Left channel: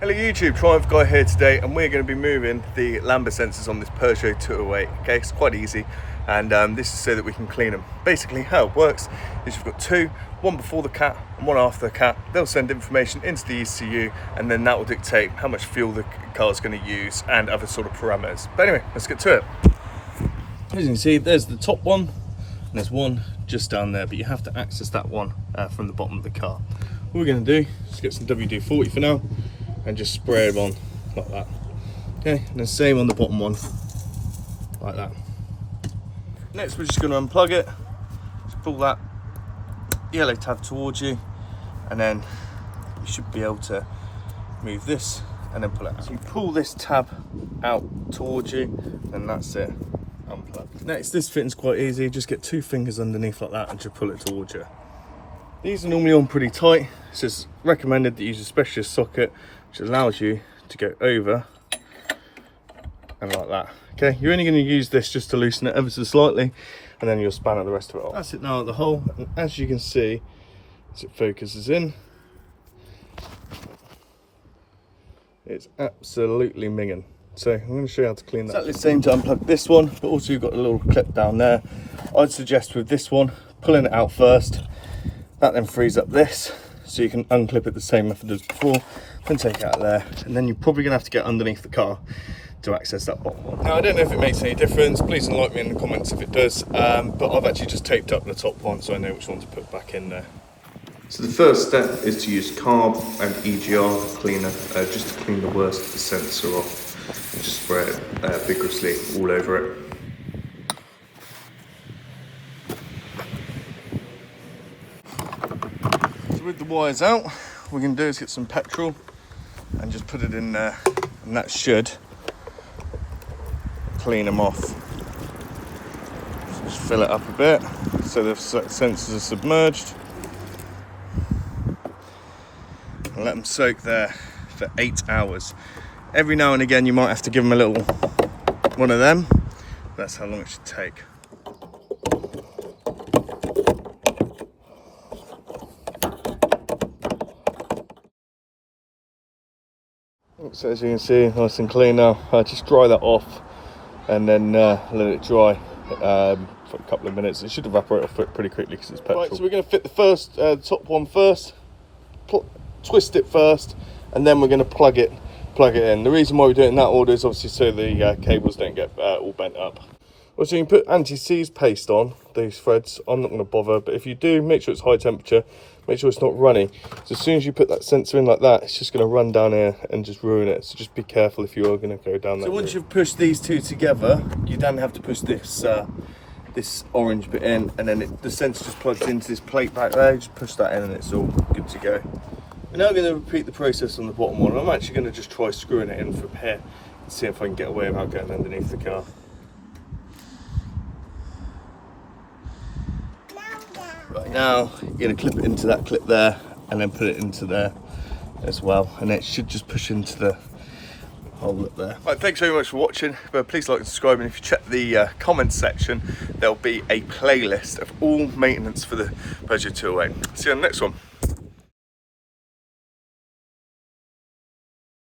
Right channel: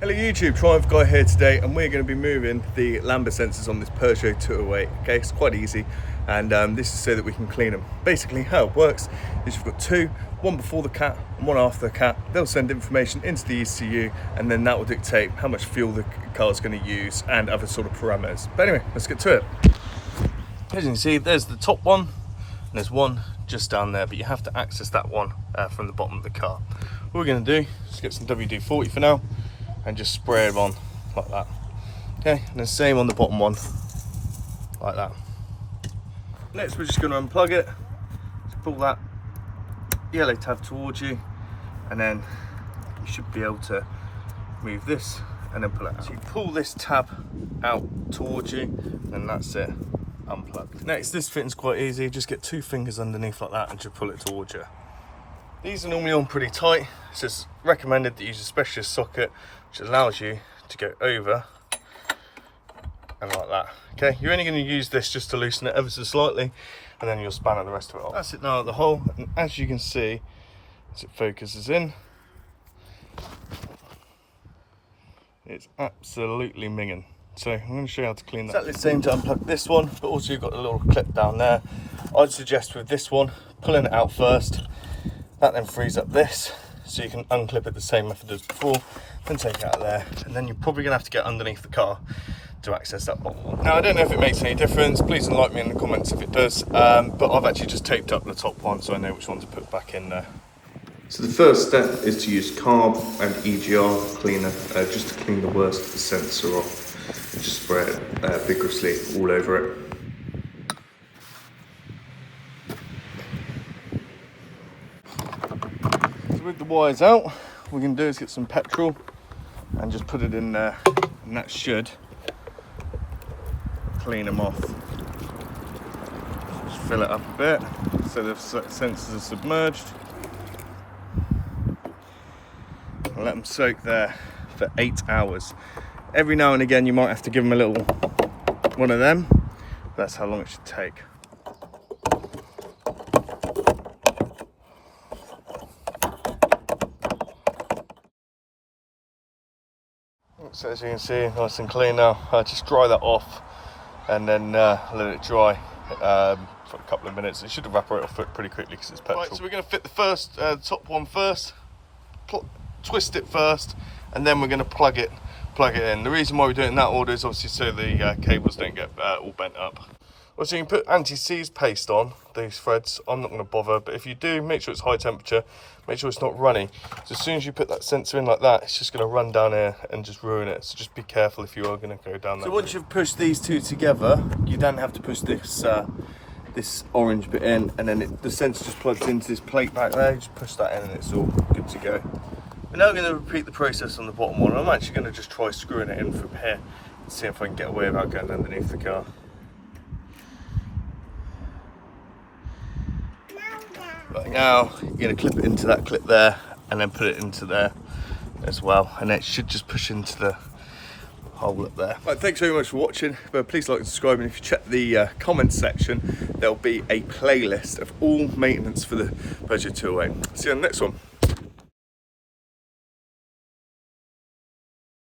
Hello YouTube, Triumph Guy here today, and we're going to be moving the Lambda sensors on this Peugeot 208. Okay, it's quite easy, and this is so that we can clean them. Basically how it works is you've got two, one before the cat and one after the cat. They'll send information into the ECU, and then that will dictate how much fuel the car is going to use and other sort of parameters. But anyway, let's get to it. As you can see, there's the top one, and there's one just down there, but you have to access that one from the bottom of the car. What we're going to do is get some WD-40 for now and just spray them on like that. Okay, and the same on the bottom one, like that. Next, we're just going to unplug it. Just pull that yellow tab towards you, and then you should be able to move this and then pull it out. So you pull this tab out towards you, and that's it, unplugged. Next, this fitting's quite easy. Just get two fingers underneath like that and just pull it towards you. These are normally on pretty tight, so it's recommended that you use a specialist socket which allows you to go over and like that. Okay, you're only going to use this just to loosen it ever so slightly, and then you'll spanner the rest of it off. That's it now at the hole, and as you can see, as it focuses in, it's absolutely minging. So I'm going to show you how to clean that. Exactly the same to unplug this one, but also you've got a little clip down there. I'd suggest with this one, pulling it out first. That then frees up this, so you can unclip it the same method as before, then take it out there, and then you're probably going to have to get underneath the car to access that bottom one. Now, I don't know if it makes any difference, please enlighten me in the comments if it does, but I've actually just taped up the top one so I know which one to put back in there. So the first step is to use carb and EGR cleaner just to clean the worst of the sensor off, and just spray it vigorously all over it. With the wires out, what we can do is get some petrol and just put it in there, and that should clean them off. Just fill it up a bit so the sensors are submerged, and let them soak there for 8 hours. Every now and again you might have to give them a little one of them. That's how long it should take. So as you can see, nice and clean now. Just dry that off and then let it dry for a couple of minutes. It should evaporate off it pretty quickly because it's petrol. Right, so we're going to fit the first top one first, twist it first, and then we're going to plug it in. The reason why we do it in that order is obviously so the cables don't get all bent up. Also, you can put anti-seize paste on these threads. I'm not going to bother, but if you do, make sure it's high temperature, make sure it's not runny. So as soon as you put that sensor in like that, it's just going to run down here and just ruin it. So just be careful if you are going to go down that route. So once you've pushed these two together, you then have to push this this orange bit in, and then the sensor just plugs into this plate back there. You just push that in and it's all good to go. We're now going to repeat the process on the bottom one. I'm actually going to just try screwing it in from here and see if I can get away without getting underneath the car. Right, now you're going to clip it into that clip there and then put it into there as well, and it should just push into the hole up there. Right, thanks very much for watching, but please like and subscribe, and if you check the comments section there'll be a playlist of all maintenance for the Peugeot 208. See you on the next one.